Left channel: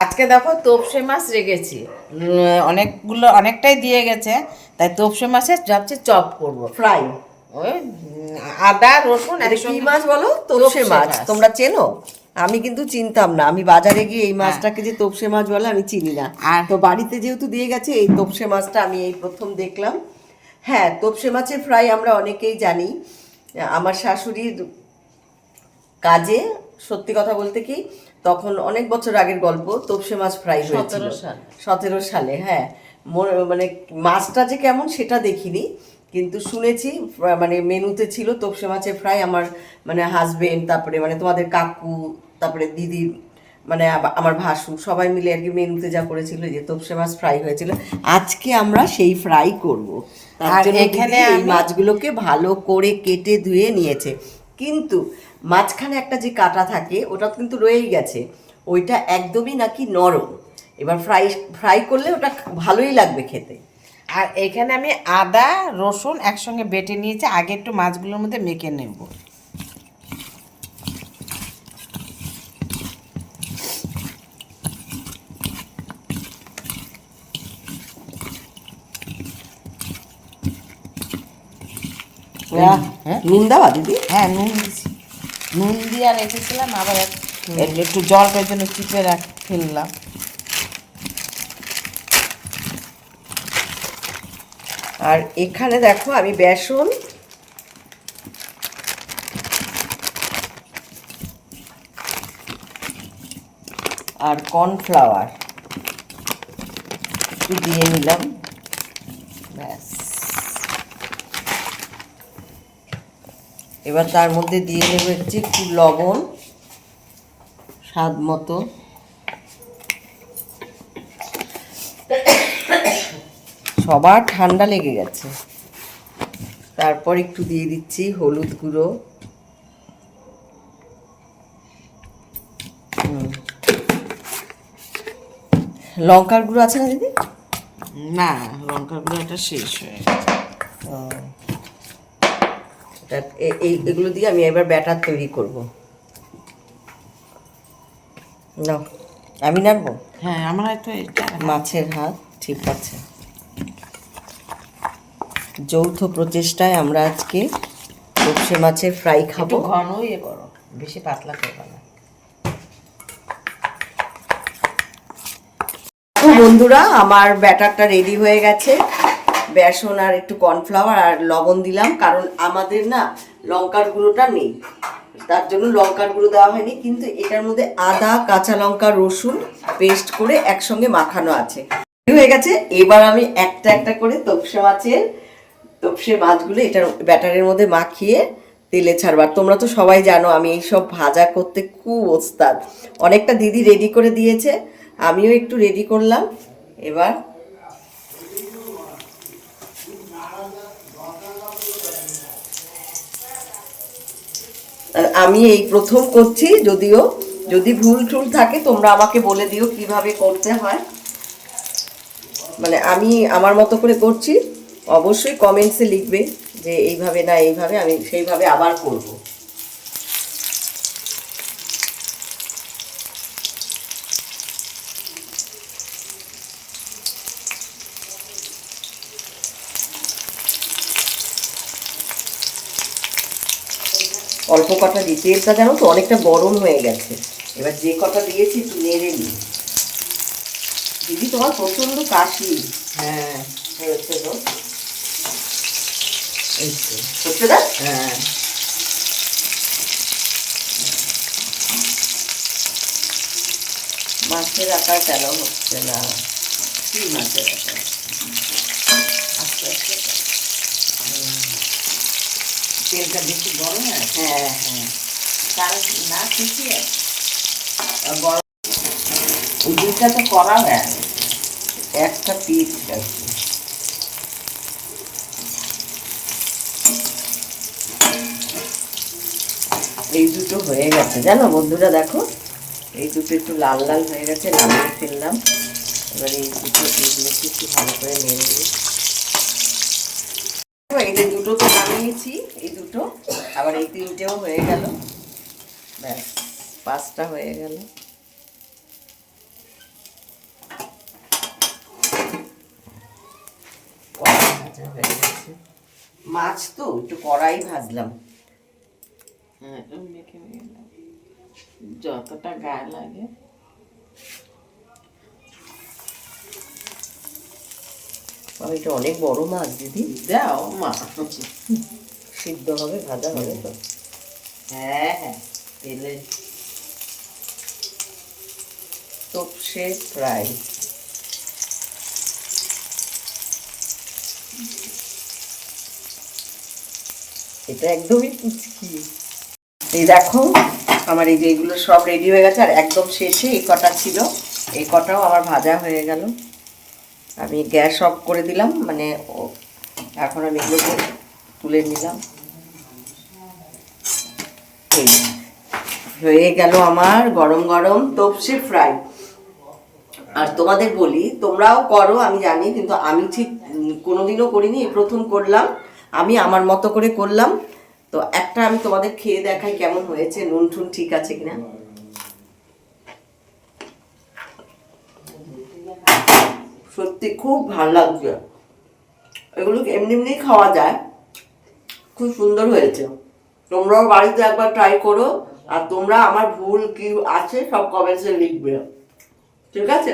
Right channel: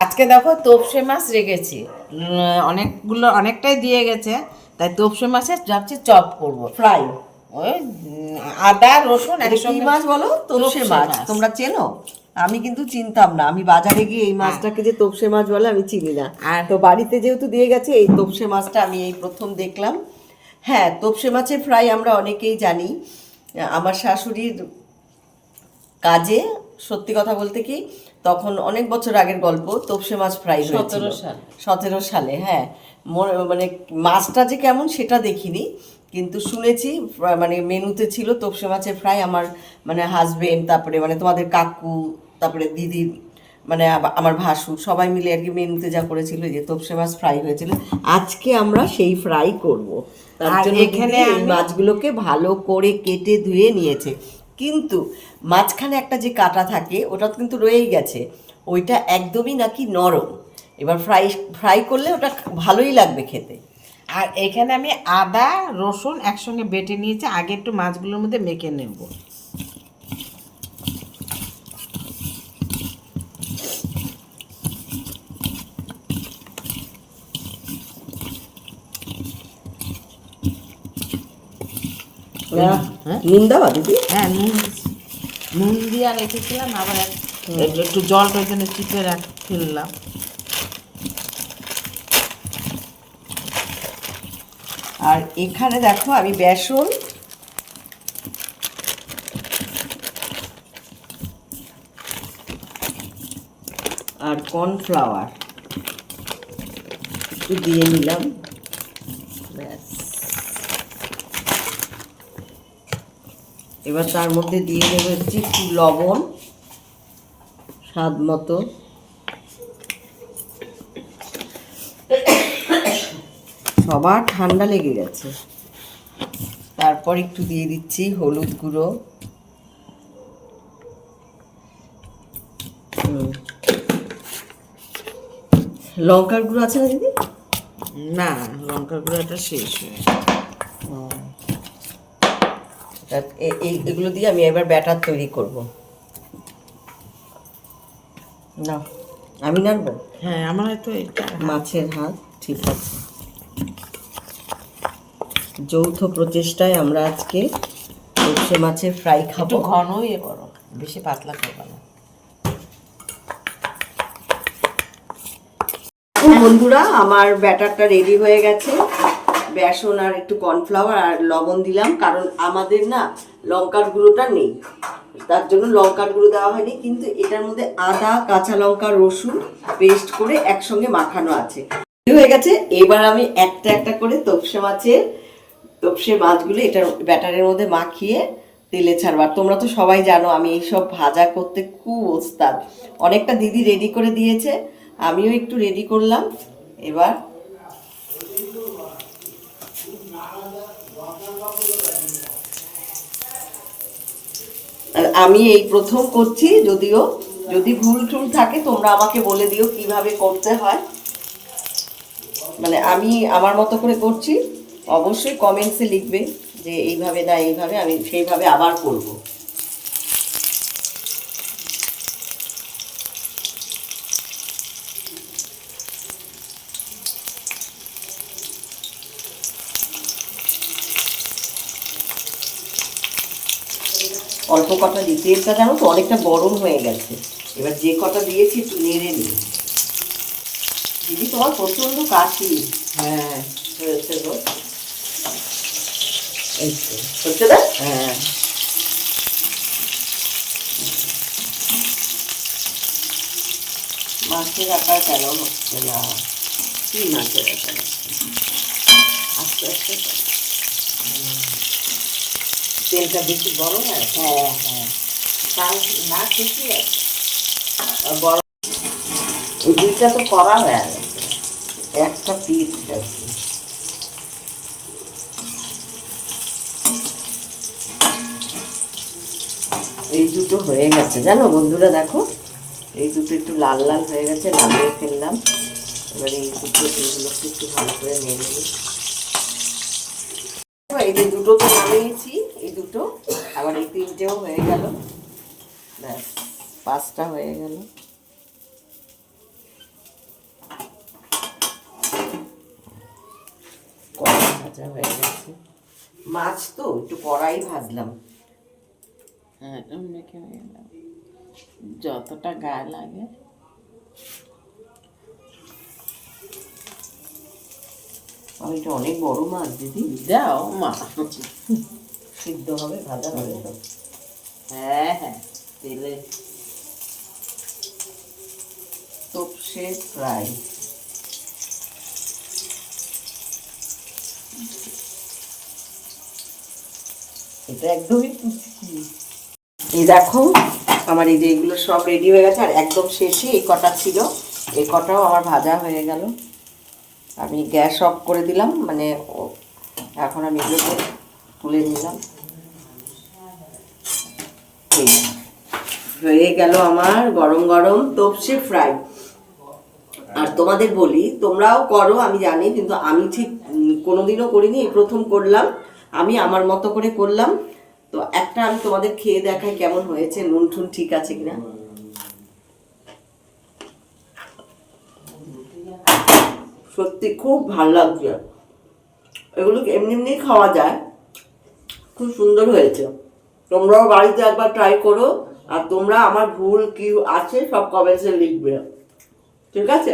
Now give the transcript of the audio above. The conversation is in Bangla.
আজকে দেখো তোপসে মাছ রেখেছি, অনেকটাই দিয়ে গেছে, তাই তোপসে মাছের যাচ্ছে চপ করব ফ্রাই। ওই আদা রসুন এটা কি মাছ বলো? তোপসে মাছ। তোমরা চেনো? আমি কিন্তু চিনতাম না। আমি বাজারে গিয়ে এই মাছটাকে যে তোপসে মাছ বলে আমি চিনি না। তো বাড়িতে যেহেতু দিয়ে গেছে, এই তোপসে মাছটা আমি এই প্রথম দেখলাম। হ্যাঁ, তোপসে মাছের ফ্রাই আমরা অনেকেই জানি। আমার শাশুড়ির কাজে, সত্যি কথা বলতে কি, তখন অনেক বছর আগের গল্প, তোপসে মাছ ফ্রাই হয়েছিল 17 সালে। হ্যাঁ, মানে মাছটা যে কেমন সেটা দেখিনি, কিন্তু শুনেছি মানে মেনুতে ছিল তোপসে মাছের ফ্রাই। আমার মানে হাজবেন্ড, তারপরে মানে তোমাদের কাকু, তারপরে দিদি, মানে আমার ভাসুর সবাই মিলে আর কি মেনুতে যা করেছিল, যে তোপসে মাছ ফ্রাই হয়েছিল। আজকে আমরা সেই ফ্রাই করব। তার জন্য এখানে এই মাছগুলোকে ভালো করে কেটে ধুয়ে নিয়েছে, কিন্তু মাঝখানে একটা যে কাটা থাকে ওটা কিন্তু রয়েই গেছে, ওইটা একদমই নাকি নরম। এবার ফ্রাই ফ্রাই করলে ওটা ভালোই লাগবে খেতে। আর এখানে আমি আদা রসুন একসঙ্গে বেটে নিয়েছি, আগে একটু মাছগুলোর মধ্যে মেখে নেব। নুন দেওয়া দিদি? হ্যাঁ, নুন দিয়েছি, নুন দিয়ে রেখেছিলাম, আবার একটু জলটার জন্য চিপে ফেললাম। আর এখানে দেখো আমি বেসন আর কর্নফ্লাওয়ার একটু দিয়ে নিলাম, ব্যাস। এবার তার মধ্যে দিয়ে নেব হচ্ছে একটু লবণ স্বাদ মতো, সবার ঠান্ডা লেগে গেছে। তারপর একটু দিয়ে দিচ্ছি হলুদ গুঁড়ো, লঙ্কার গুঁড়ো আছে না দিদি? না, লঙ্কার গুঁড়োটা শেষ হয়ে এগুলো দিয়ে আমি এবার ব্যাটার তৈরি করব। না, আমি নাড়বো? হ্যাঁ, আমার একটু মাছের হাত, ঠিক আছে। যৌথ প্রচেষ্টায় আমরা আজকে সর্ষে মাছের ফ্রাই খাবো। একটু ঘনই করো, বেশি পাতলা করবে না। বন্ধুরা, আমার ব্যাটারটা রেডি হয়ে গেছে। বেসন আর একটু কর্নফ্লাওয়ার আর লবণ দিলাম, কারণ আমাদের না লঙ্কার গুঁড়োটা নেই, তার জন্য লঙ্কার গুঁড়ো দেওয়া হয়নি। কিন্তু এটার মধ্যে আদা, কাঁচা লঙ্কা, রসুন পেস্ট করে একসঙ্গে মাখানো আছে। হয়ে গেছে। এবার আমি একটা একটা করে তোপসে মাছগুলো এটার ব্যাটারের মধ্যে মাখিয়ে তেলে ছাড়বার। তোমরা তো সবাই জানো আমি এইসব ভাজা করতে খুব ওস্তাদ। অনেকটা দিদি রেডি করে দিয়েছে, আমিও একটু রেডি করলাম। এবার আমি এই প্রথম করছি, যদিও যদি ভুল টুল থাকে তোমরা আমাকে বলে দিও কিভাবে করতে হয়। মানে আমি আমার মতো করে করছি, অবশ্যই কমেন্টসে লিখবে যে এইভাবে না এইভাবে, আমি সেইভাবে আবার করব। অল্প কটা দিই, তেলটা জানো তো অনেকটা গরম হয়ে গেছে। এবার যে কটা দিয়েছি একটু নেড়ে নিই। দিদি তোমার প্রচন্ড কাশি। হ্যাঁ, হয়েছে তো। হচ্ছে না? হ্যাঁ, মাছের আকার কেন হচ্ছে না? কি মাছের আকার? আস্তে আস্তে তেলটা বেশি গরম হয়। হ্যাঁ হ্যাঁ, তার না ঠিকই আছে। গরম। এই দুইটা তো করা হয়ে গেছে, একটা পিস আছে। এই দুটো হয়ে গেছে জানো বন্ধুরা, দেখো এই দুটো একটু লাল লাল হয়ে গেছে, নামিয়ে ফেললাম। এবার এই দুটো এগুলোকে একটু ভালো করে নেড়ে নিই। এই যে দুটো তো নামিয়েছি, এই দুটো, আবার এই তিনটেও হয়ে গেল, ব্যাস 5টা হয়ে গেল। ভাজা হয়ে গেছে। মাছ তো একটু কড়াই ভাজলাম। হ্যাঁ, এটা মেখে নিলাম যতটা গায়ে লাগে। এটা অনেক বড় মাছ দিদি। দাও মা, সিদ্ধ হবে, ভাজা হবে তো। হ্যাঁ হ্যাঁ, তেলে তোপসে ফ্রাই। এটা একদমই পুচকি। এই দেখো আমার এই যে এগুলো সব রেডি হয়ে গেছে, আর একদম শেষে এই কটা ছিল, এই কটাও আমার ভাজা হয়ে গেল। আমি গ্যাস অফ করে দিলাম, মানে এখন আমি এগুলোকে তুলে নিলাম। এই হয়ে গেল আমার গরম গরম তোপসে ফ্রাই। আর তোমাদের বলি, তোমরাও করো আমি জানি, কিন্তু আমি ঠিক কোনোদিনও করিনি, এই প্রথম করলাম। আমি আমার মতো করে করলাম। তো একটা আমি তোমাদের খেয়ে দেখাই কেমন হয়েছে, নুন টুন ঠিক আছে কিনা। সত্যি খুব ভালো লাগছে। এগুলো এমনি এমনি খাওয়া যায়, খুব সুন্দর হয়েছে। তোমরাও বাড়িতে একবার ট্রাই করো, আর তোমরা আমার ভুল কি আছে সব কমেন্টসে লিখবে, ঠিক আছে?